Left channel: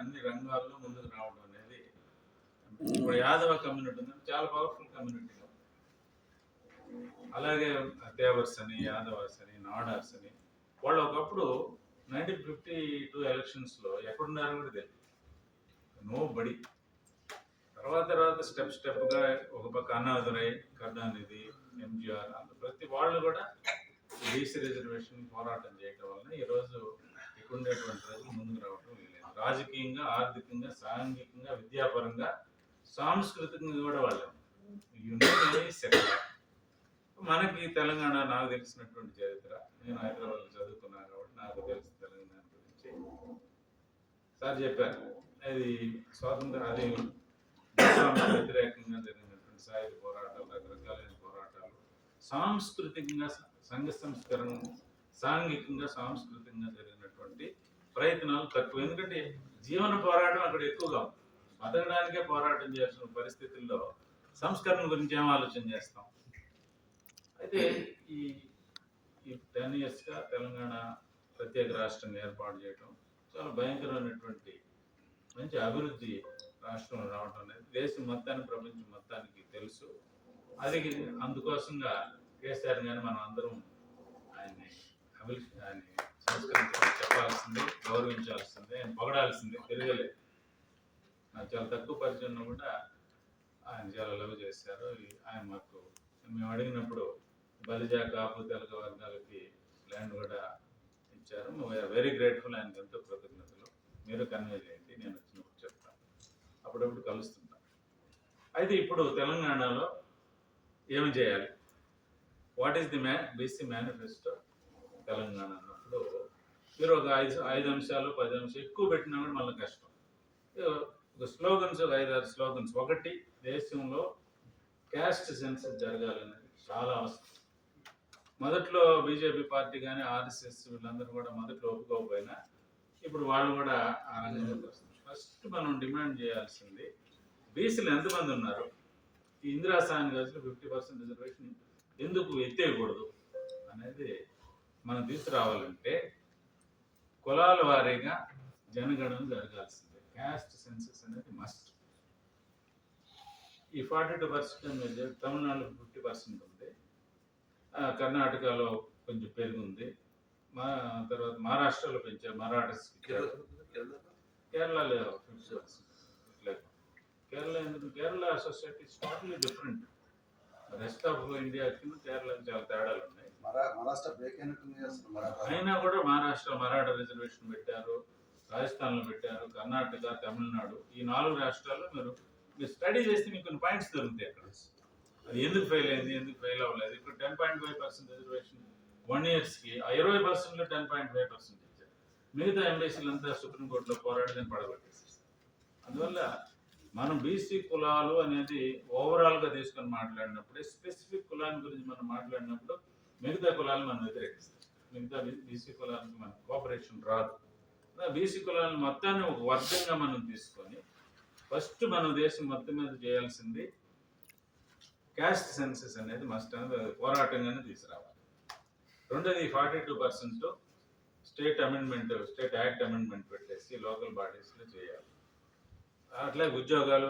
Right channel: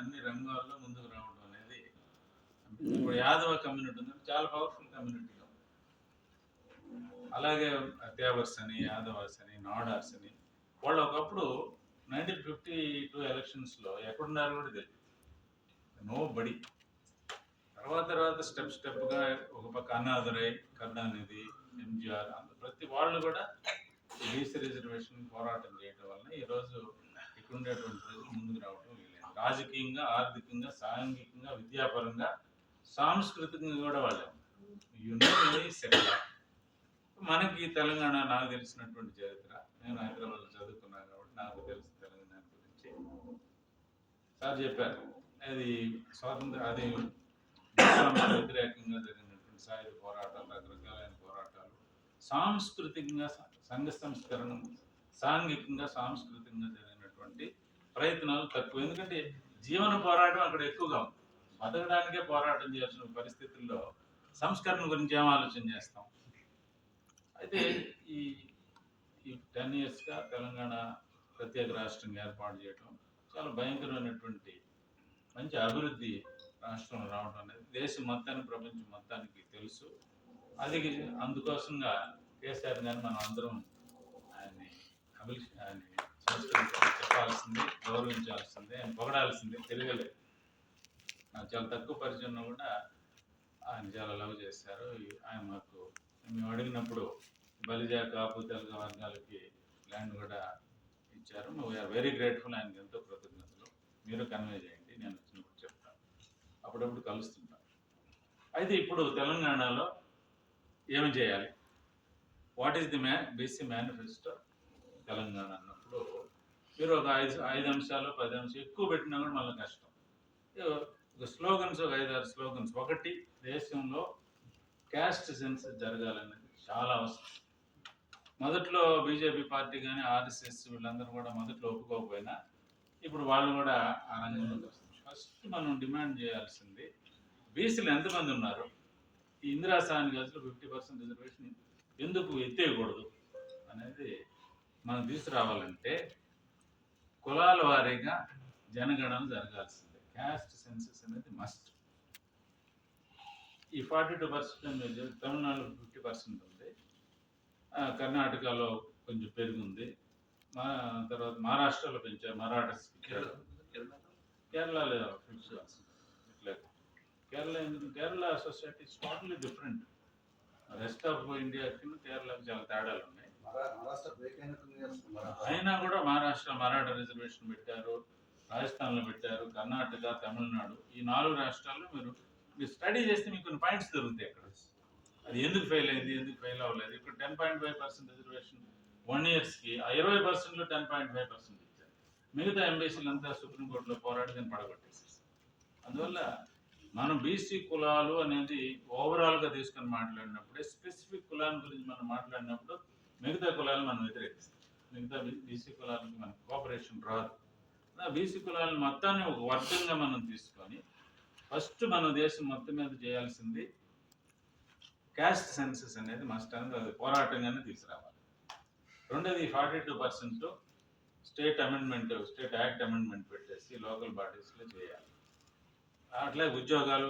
అన్ని రంగాల్లో ముందుకు రావడం అనేది ఇప్పుడు యాదవ కమ్యూనిటీ ఉంది, చాలా పవర్ఫుల్ కమ్యూనిటీ. అలాగే తేవర్స్ అని, యాదవాస్ అని, నాడార్స్ అని, వాళ్ళు ఒకప్పుడు 1952 ఎలక్షన్స్లో ఎక్కడున్నారని కూడా తెలియదు, నో బడి. తర్వాత స్టెప్గా ఒక పక్క అన్నాదురై, కరుణానిధి, ఎంజిఆర్, ప్రతి వాళ్ళు కూడా బీసీ రిజర్వేషన్ పోరాటం చేయడం వలన ఈరోజు ఇక్కడ ఉండేటువంటి ప్రజలు ముందుకు రావడం వీలేదు. రాజకీయంగా, ఆర్థికంగా, సాంఘికంగా, విద్యాపరంగా, సాంస్కృతికంగా కూడా వాళ్ళే మనకి తెలంగాణ, నాకు తెలిసినటువంటి చరిత్ర, నేను హైదరాబాద్లో చదువుకున్నాను కాబట్టి నాకు తెలిసిన తెలంగాణ గురించి సార్ చెప్పారు. అది స్వాతంత్ర, అది వ్యతిరేకంగా జరిగినటువంటి సాయుధ పోరాటాలు, రకరకాలైన పోరాటాలు, సాంస్కృతికంగా సంఘ సంస్కరణ, సాంఘికంగా సాంస్కృతికంగా జరిగినటువంటి ప్రయత్నాలు తక్కువ. ఎందుకంటే జీవన పోరాటం అక్కడ ఎక్కువగా ఉంది. బతకడానికే పోరాటం చేయాల్సిన పరిస్థితుల్లో సంస్కరణ గురించి ఏం ఆలోచన చేస్తాం? అయితే ఈ 10 yearsగా తెలంగాణ ప్రత్యేక రాష్ట్రంగా ఏర్పాటు చేయడం చాలా భయంకరమైనటువంటి మంచి అభివృద్ధి రాష్ట్రంలో రావడం అనేది దేశం మొత్తానికి, ప్రపంచం మొత్తానికి తెలుసు. అది అందుకోసంగా కేసీఆర్ గారిని మనం అందరం ఆయన్ని చెప్పాల్సిందే, గౌరవించాల్సిందే, ఆయన పొగడాల్సిందే. తిరగలేదు. నాకు చాలా తక్కువ పరిచయం కూడా ఆయన చాలా లవ్ చేశారు. ఆయన మాకు మేము అడిగినప్పుడు బలిజ, కాపు, తెలగ వర్గాలకి ల్యాండ్ కూడా ఇచ్చారు. We are very grateful. ఆయనకి ఎంతో కృతజ్ఞతలు. మీరు కన్వే చేయండి, నేను వచ్చినప్పుడు చెప్తాను, అప్పుడప్పుడు కలుస్తుంటాను. అయితే ఇప్పుడు తెలంగాణలో ఏమి చేయాలి? What is the BC manifesto Telangana అన్నప్పుడు మీరు ఒక 5 అంశాలు 10 అంశాలు ఎక్కువ పెట్టినా కూడా మళ్ళీ కష్టం. స్లోగన్స్, ఒక 5-6 స్లోగన్స్. ఒకటి, దేశంలో క్యాస్ట్ సెన్సస్ జరగాలనేది చాలా అవసరం. మొదట్లో బీజేపీ పార్టీ కానీ, ఆర్ఎస్ఎస్ వీళ్ళందరూ కూడా మొదట్లో ఒప్పుకోకపోయినా ఇప్పుడు వాళ్ళు కూడా ఆ రంగంలోకి వస్తుంది. ఫస్ట్ మనం డిమాండ్ చేయాల్సింది, బీసీలు ఎంతమంది ఉన్నారు, ఈ ఇందిరా సాహని గదిలో 50% రిజర్వేషన్ ఎందుకు ఎత్తేయకూడదు అనేది మనం తీసుకురావాలంటే కులాల వారీగా జనగణన జరగాల్సిందే. క్యాస్ట్ సెన్సస్ అనేది మస్ట్. ఈ 42% తమిళనాడులో 50% ఉంది, కర్ణాటకలో కొంచెం పెరిగింది, తర్వాత మహారాష్ట్రలో పెంచారు, మరాఠాస్, కేరళలో 50%. కేరళ ఎందుకు? Kerala society is totally different. Rest of ఇండియాకి కేరళకి చాలా తేడాలు ఉన్నాయి. అయినా కూడా మహారాష్ట్ర మరాఠా రిజర్వేషన్ పెట్టారు, రాజస్థాన్లో పెట్టారు, కర్ణాటక, తమిళనాడు, ఈ 4 రాష్ట్రాల్లో మీరు స్టడీ చేస్తే మీకు కొన్ని పాయింట్స్ దొరుకుతాయి అక్కడ. అది ఎందుకు ఫెయిల్ అయింది, ఎందుకు ఫెయిల్ అవ్వలేదు. ఇప్పుడు 10.5% రిజర్వేషన్ 1 yearsకి 20%లో 10.5% ఇచ్చారు. మిగతా ఎంబీసీలు అంతా సుప్రీంకోర్టులో పోరాటం పడగొట్టేసి. అందువల్ల మనం బీసీ కులాలు అనేది ఓవరాల్గా తీసుకొని మాట్లాడినప్పుడే, స్పెసిఫిక్ కులాన్ని గురించి మనం మాట్లాడినప్పుడు మిగతా కులాలను మనం వ్యతిరేకిస్తాం. మిగతా బీసీ కులాలకు మనకు కోఆపరేషన్ రాదు. బీసీ కులాలను మొత్తాన్ని ఒక వర్గంగా మనం తీసుకొని ఫస్ట్ మనం దేశం మొత్తం మీద చేయాల్సింది క్యాస్ట్ సెన్సస్ అనేది మస్ట్ అనేది, అది పోరాటంగానే తీసుకురావాలి. రెండోది 42% స్టేట్ యాక్ట్ అమెండ్మెంట్ పెట్టేసి లోకల్ బాడీస్లో చేయాలి. అట్లా ఉద్యోగాలు